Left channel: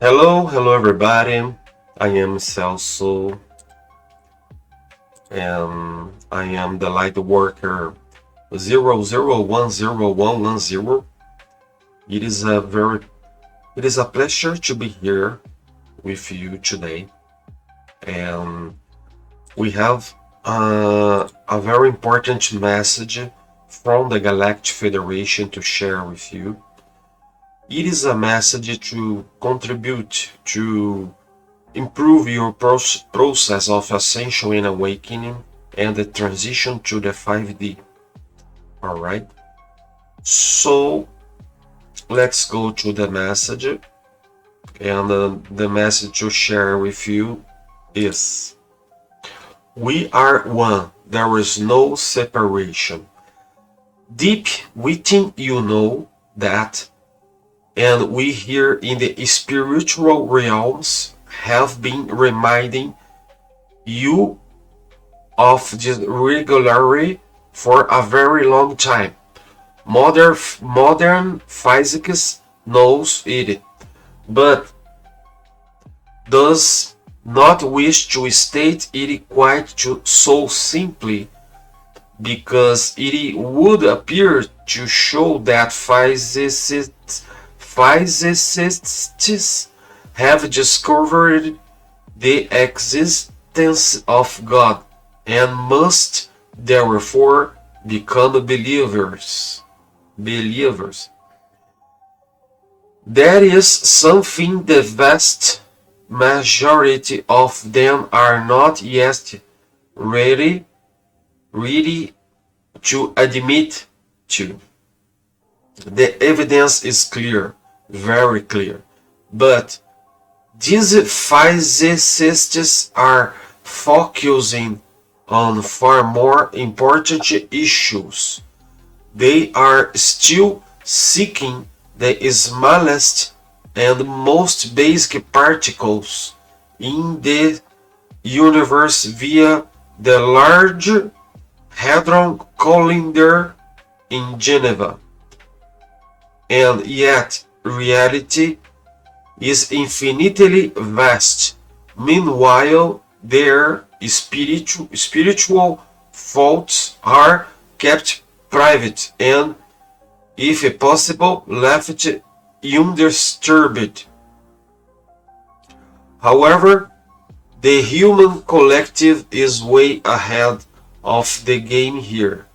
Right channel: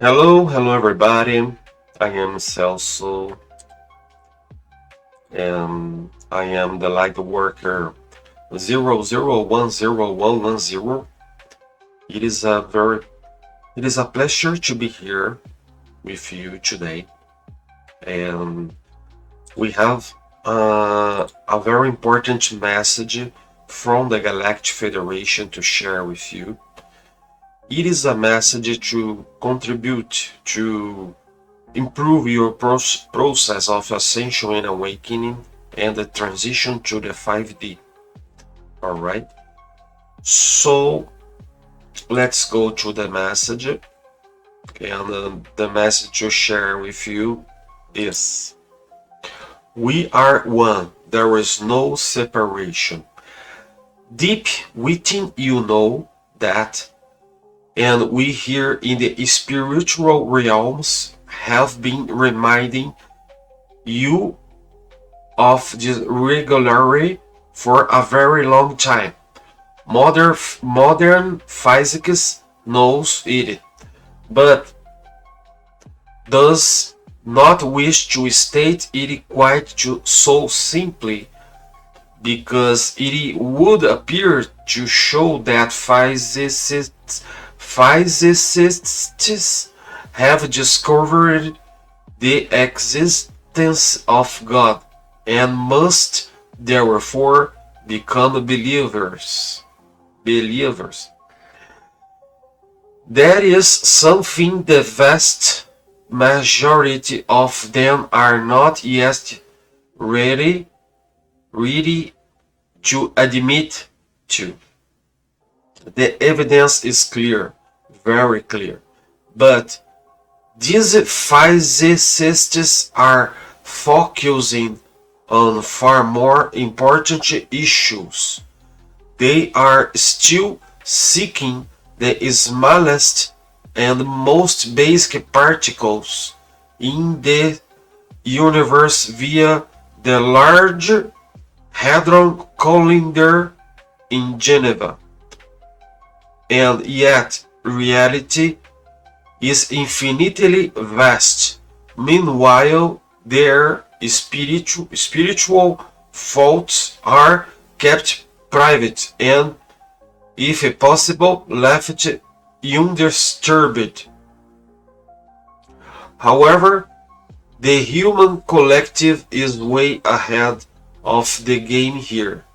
Hello everybody. I am Celso and I am the Lightworker 00101110. It is a very it is a pleasure to be here with you today, and we have a very important message from the Galactic Federation to share with you. It is a message to contribute to improve your process of Ascension and Awakening and the transition to the 5D. Alright? So let's go to the message. And the message to share with you is: we are one, there is no separation. Deep within you know that, and we here in the spiritual realms have been reminding you of this regularly for a very long time. Modern physics knows it, but does not wish to state it quite so simply, because it would appear to show that physicists have discovered the existence of God and must therefore become believers. That is something the vast majority of them are not yet ready to admit to. The evidence is clear, very clear, but these physicists are focusing on far more important issues. They are still seeking the smallest and most basic particles in the universe via the Large Hadron Collider in Geneva. And yet, reality is infinitely vast. Meanwhile, their spiritual faults are kept private and, if possible, left undisturbed. However, the human collective is way ahead of the game here,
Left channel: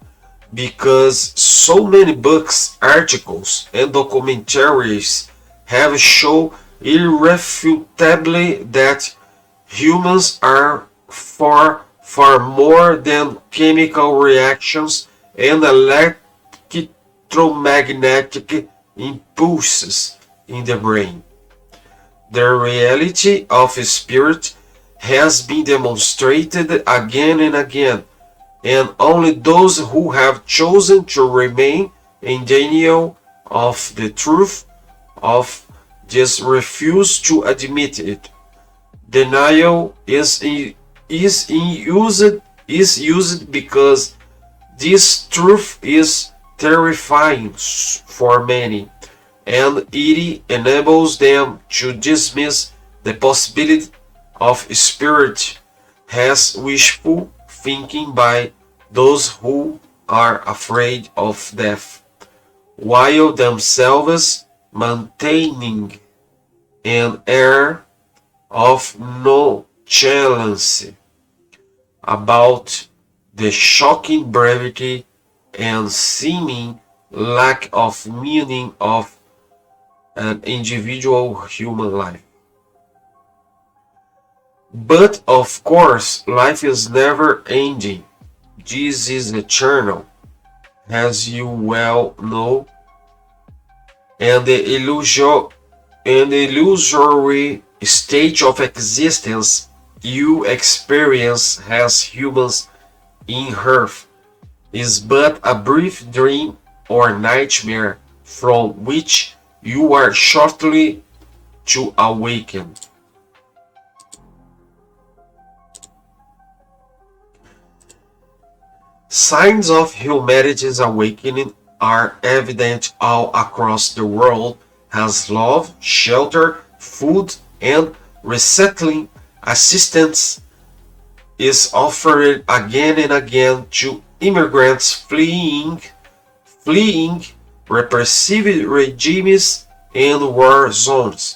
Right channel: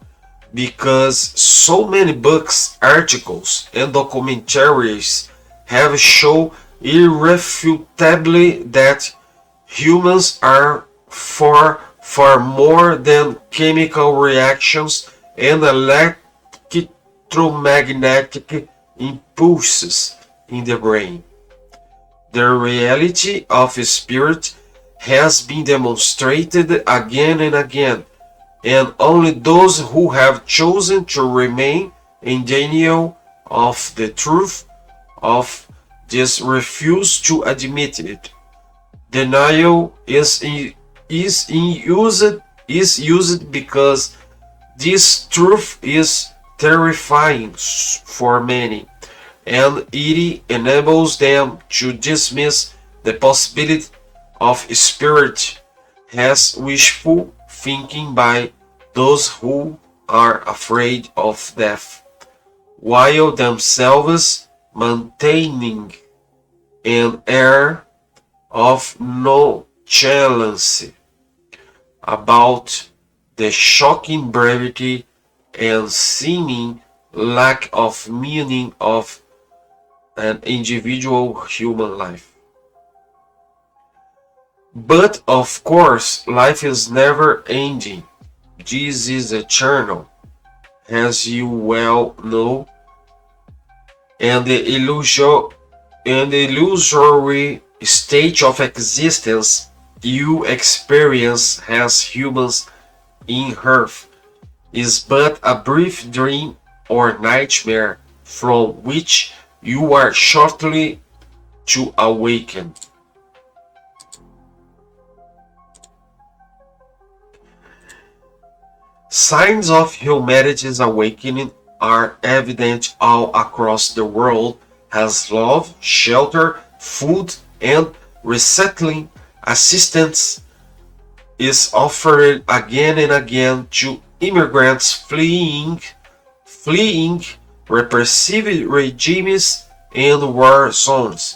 because so many books, articles, and documentaries have shown irrefutably that humans are far more than chemical reactions and electromagnetic impulses in the brain. The reality of spirit has been demonstrated again and again, and only those who have chosen to remain in denial of the truth of this refuse to admit it. Denial is used because this truth is terrifying for many, and it enables them to dismiss the possibility of spirit as wishful thinking by those who are afraid of death, while themselves maintaining an air of nonchalance about the shocking brevity and seeming lack of meaning of an individual human life. But of course, life is never ending. This is eternal, as you well know, and the illusory state of existence you experience as humans in Earth is but a brief dream or nightmare from which you are shortly to awaken. Signs of humanity's awakening are evident all across the world as love, shelter, food, and resettling assistance is offered again and again to immigrants fleeing repressive regimes and war zones.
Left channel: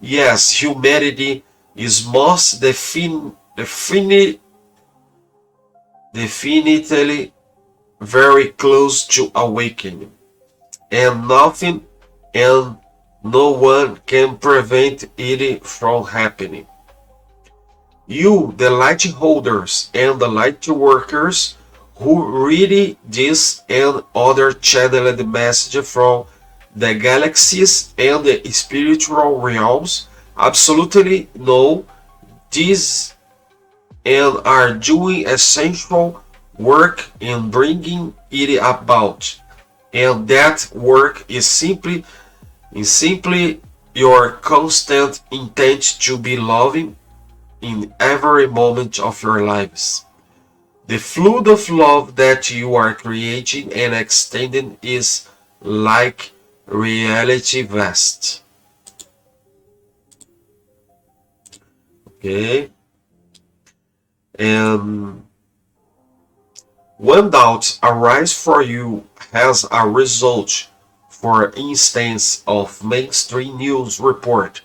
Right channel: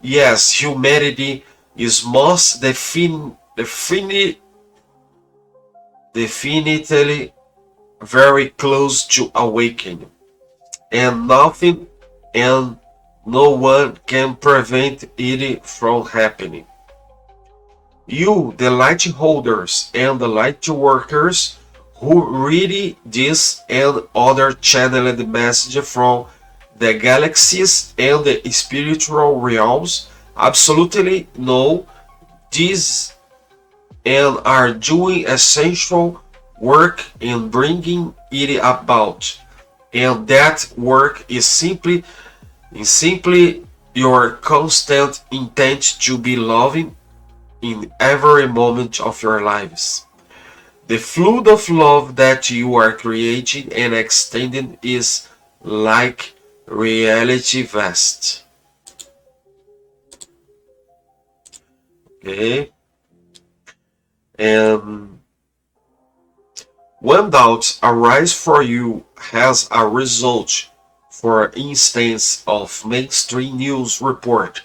Yes, humanity is most definitely very close to awakening, and nothing and no one can prevent it from happening. You, the light holders and the light workers who read this and other channeled message from the galaxies and the spiritual realms, absolutely know this and are doing essential work in bringing it about. And that work is simply your constant intent to be loving in every moment of your lives. The flood of love that you are creating and extending is like reality vast. Okay? And when doubts arise for you as a result, for instance, of mainstream news report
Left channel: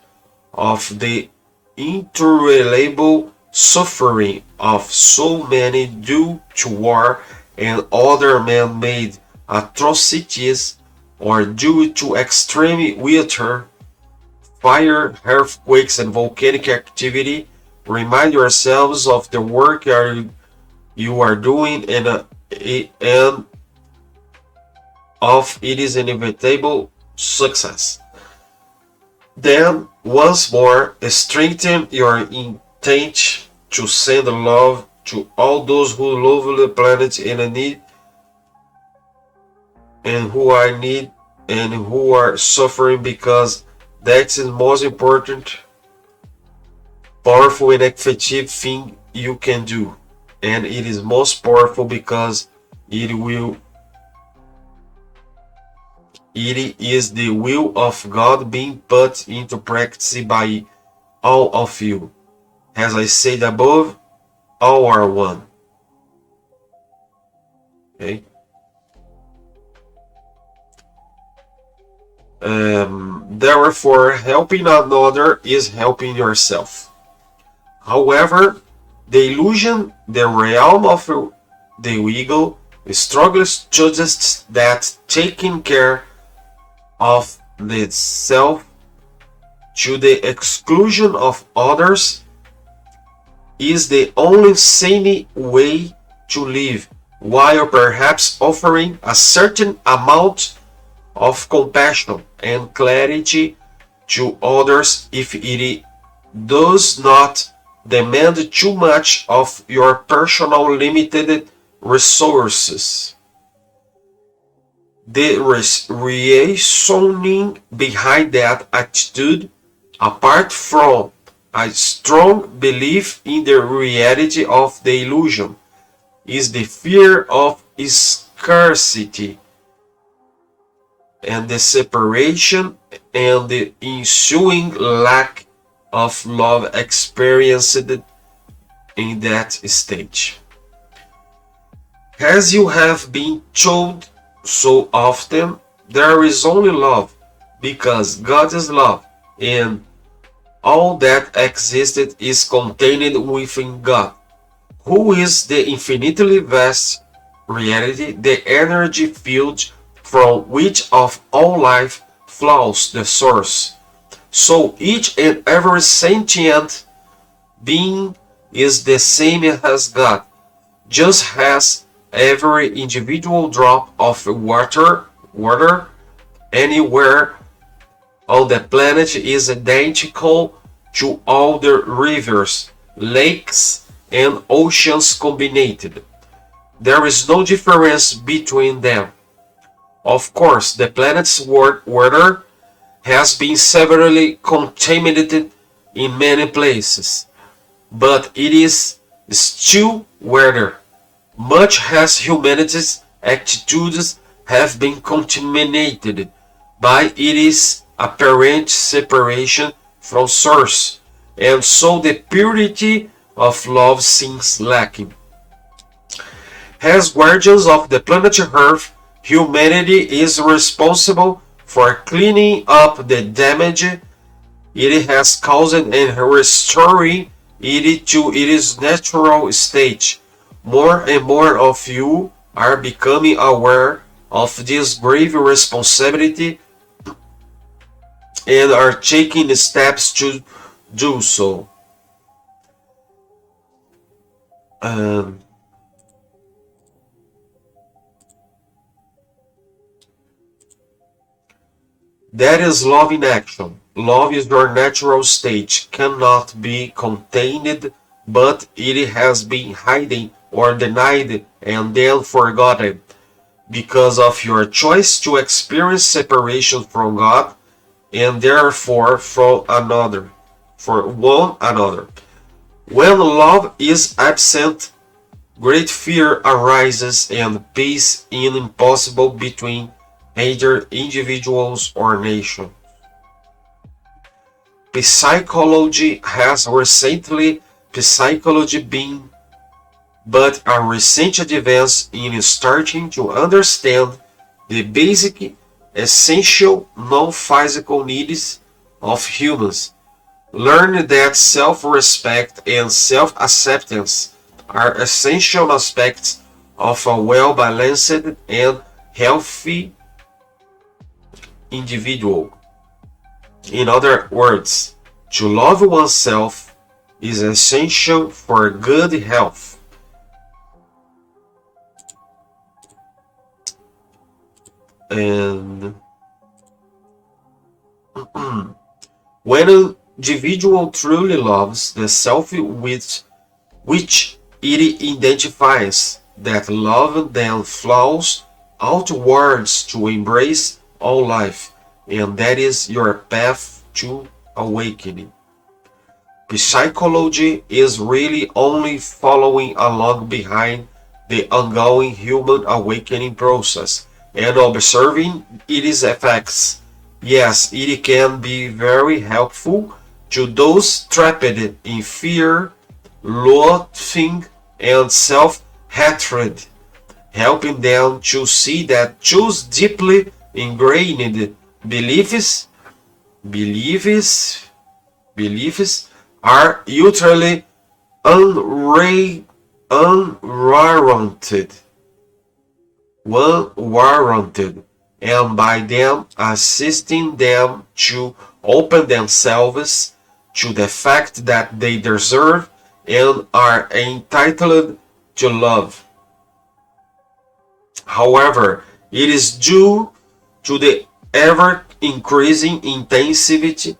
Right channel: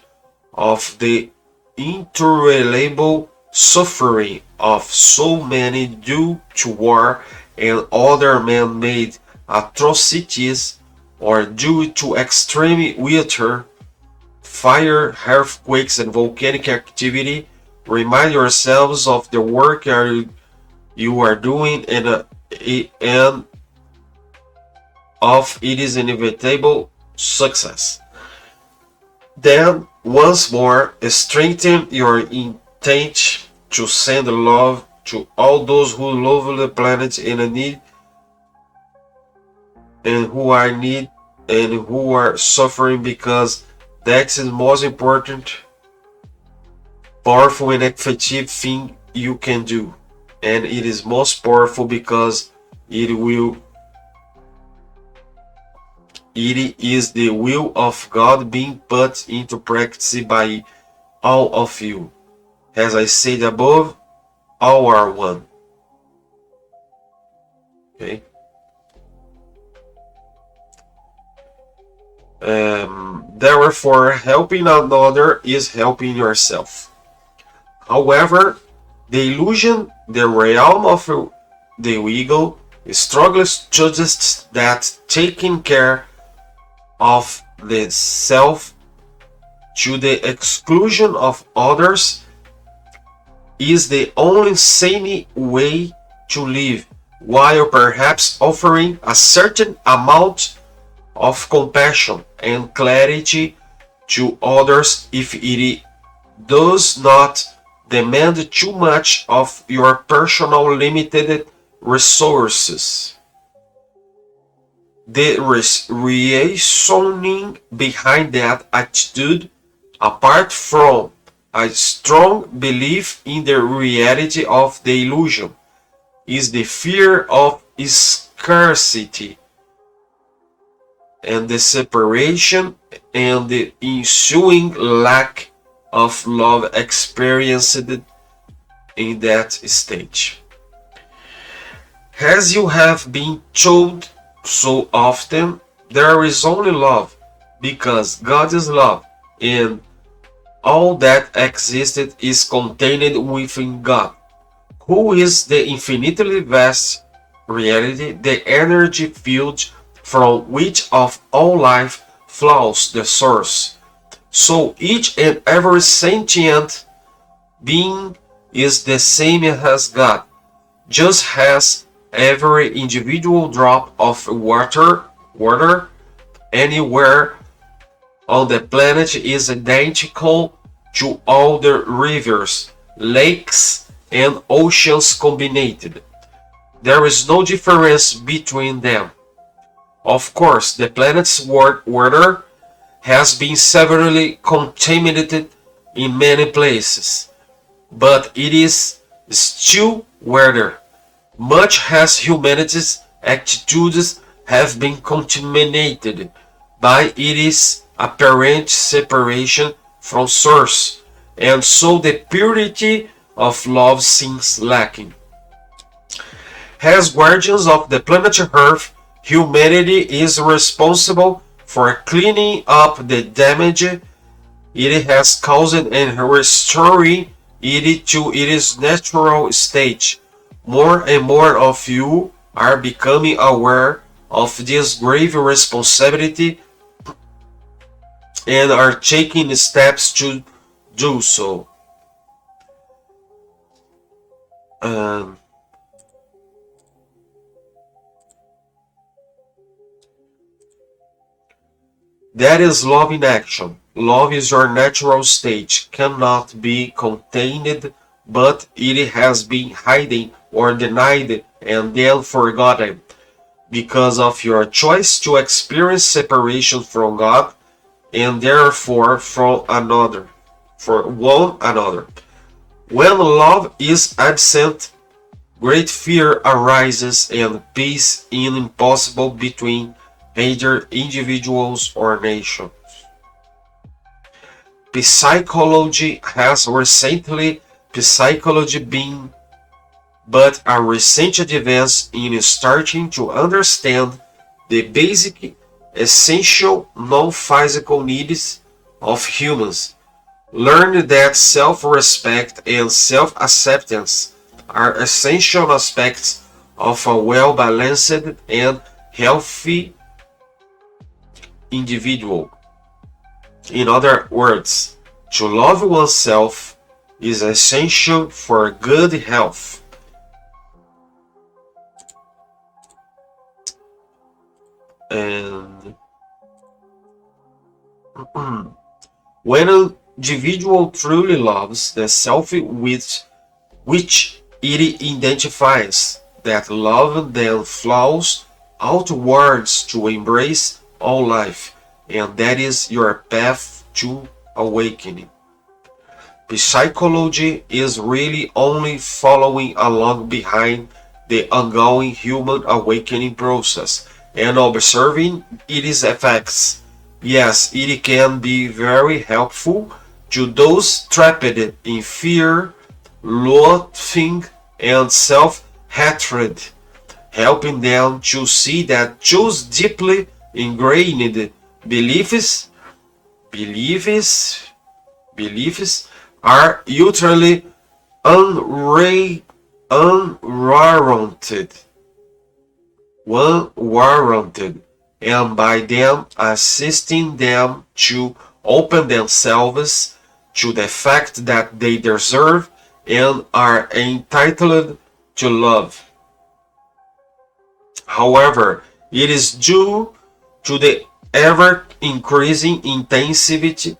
of the intolerable suffering of so many due to war and other man-made atrocities, or due to extreme weather, fire, earthquakes, and volcanic activity, remind yourselves of the work you are doing and of its inevitable success. Then, once more, strengthen your intent to send love to all those who love the planet and need and who are in need and who are suffering, because that is the most important, powerful and effective thing you can do. And it is most powerful because it is the will of God being put into practice by all of you. As I said above, all are one. Okay. Therefore, helping another is helping yourself. However, the illusion, the realm of the ego, struggles suggests that taking care of the self to the exclusion of others is the only sane way to live, while perhaps offering a certain amount of compassion and clarity to others if it does not demand too much of your personal limited resources. The reasoning behind that attitude, apart from a strong belief in the reality of the illusion, is the fear of scarcity and the separation and the ensuing lack of love experienced in that stage. As you have been told so often, there is only love, because God is love, and all that existed is contained within God, who is the infinitely vast reality, the energy field from which of all life flows the source. So each and every sentient being is the same as God, just as every individual drop of water anywhere on the planet is identical to all the rivers, lakes, and oceans combined. There is no difference between them. Of course, the planet's water has been severely contaminated in many places, but it is still water, much as humanity's attitudes have been contaminated by its apparent separation from source, and so the purity of love seems lacking. As guardians of the planet Earth, humanity is responsible for cleaning up the damage it has caused and restoring it to its natural state. More and more of you are becoming aware of this grave responsibility and are taking steps to do so. Um, that is love in action. Love is your natural state, cannot be contained, but it has been hidden or denied and then forgotten because of your choice to experience separation from God and therefore from another, for one another. When love is absent, great fear arises and peace is impossible between either individuals or nations. Psychology has recently psychology been but a recent advance in starting to understand the basic essential non-physical needs of humans. Learn that self-respect and self-acceptance are essential aspects of a well-balanced and healthy individual. In other words, to love oneself is essential for good health. And when an individual truly loves the self with which it identifies, that love then flows outwards to embrace all life, and that is your path to awakening. Psychology is really only following along behind the ongoing human awakening process and observing its effects. Yes, it can be very helpful to those trapped in fear, loathing, and self-hatred, helping them to see that those deeply ingrained beliefs beliefs beliefs are utterly unwarranted, unwarranted, and by them assisting them to open themselves to the fact that they deserve and are entitled to love. However, it is due to the ever increasing intensity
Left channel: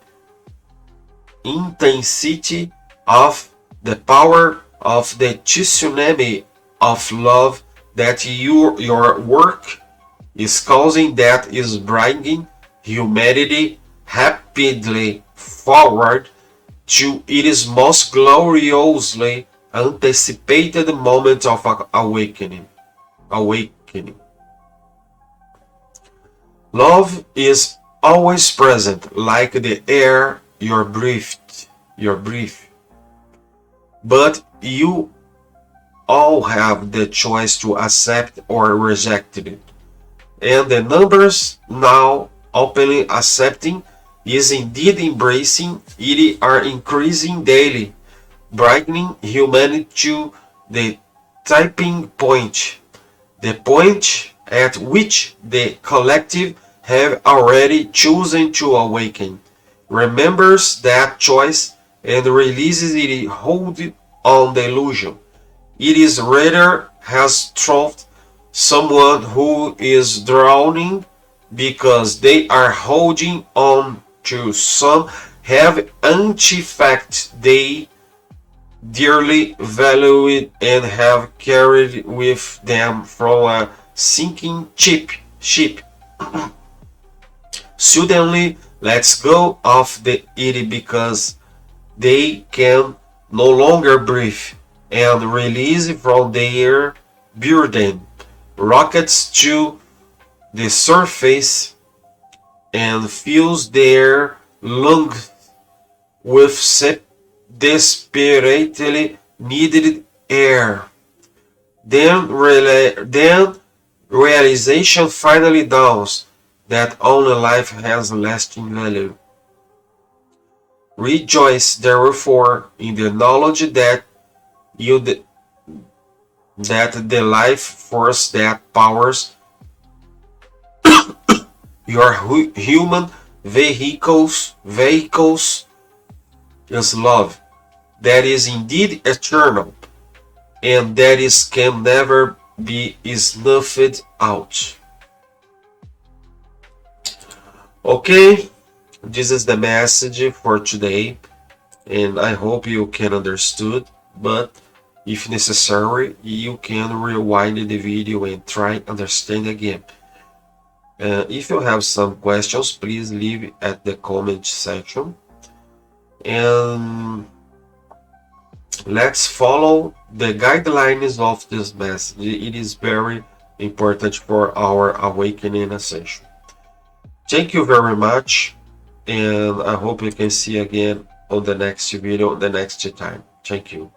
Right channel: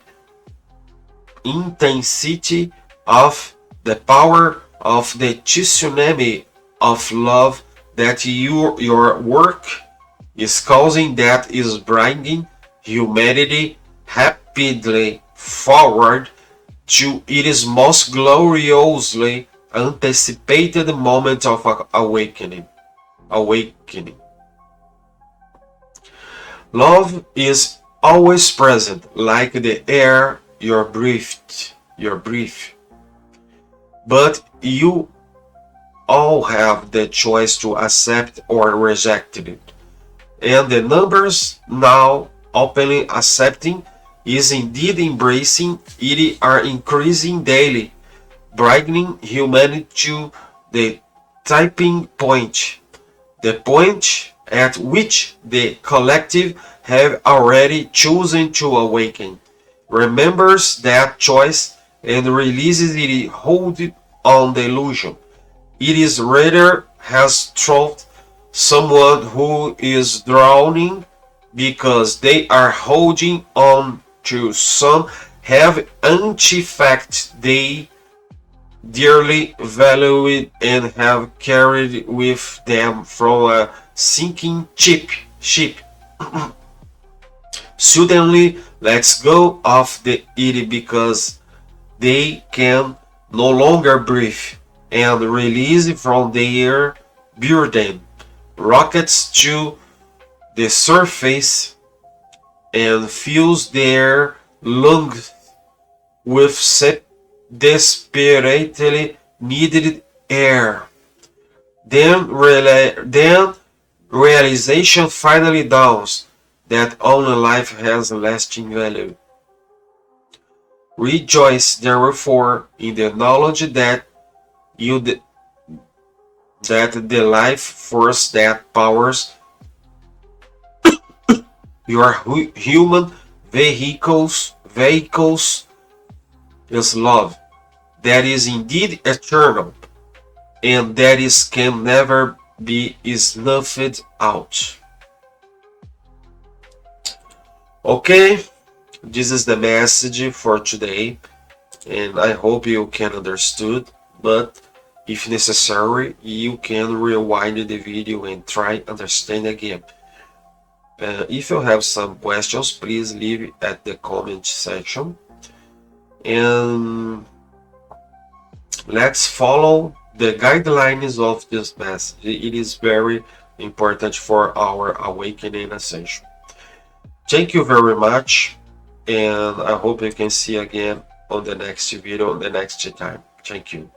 of the power of the tsunami of love that your work is causing, that is bringing humanity rapidly forward to its most gloriously anticipated moment of awakening. Love is always present, like the air you breathe. But you all have the choice to accept or reject it. And the numbers now openly accepting is indeed embracing it are increasing daily, bringing humanity to the tipping point, the point at which the collective have already chosen to awaken, remembers that choice and releases its hold on the illusion. It is rather has truth someone who is drowning because they are holding on to some have anti-fact they dearly valued and have carried with them from a sinking ship. Suddenly lets go of the it because they can no longer breathe and release from their burden. Rockets to the surface and fills their lungs with desperately needed air. Then realization finally dawns that only life has lasting value. Rejoice therefore in the knowledge that you that the life force that powers your human vehicles is love, that is indeed eternal, and that is can never be snuffed out. Okay, this is the message for today, and I hope you can understood, but if necessary you can rewind the video and try understand again. If you have some questions, please leave at the comment section, and let's follow the guidelines of this message. It is very important for our awakening ascension. Thank you very much, and I hope you can see again on the next video, the next time. Thank you.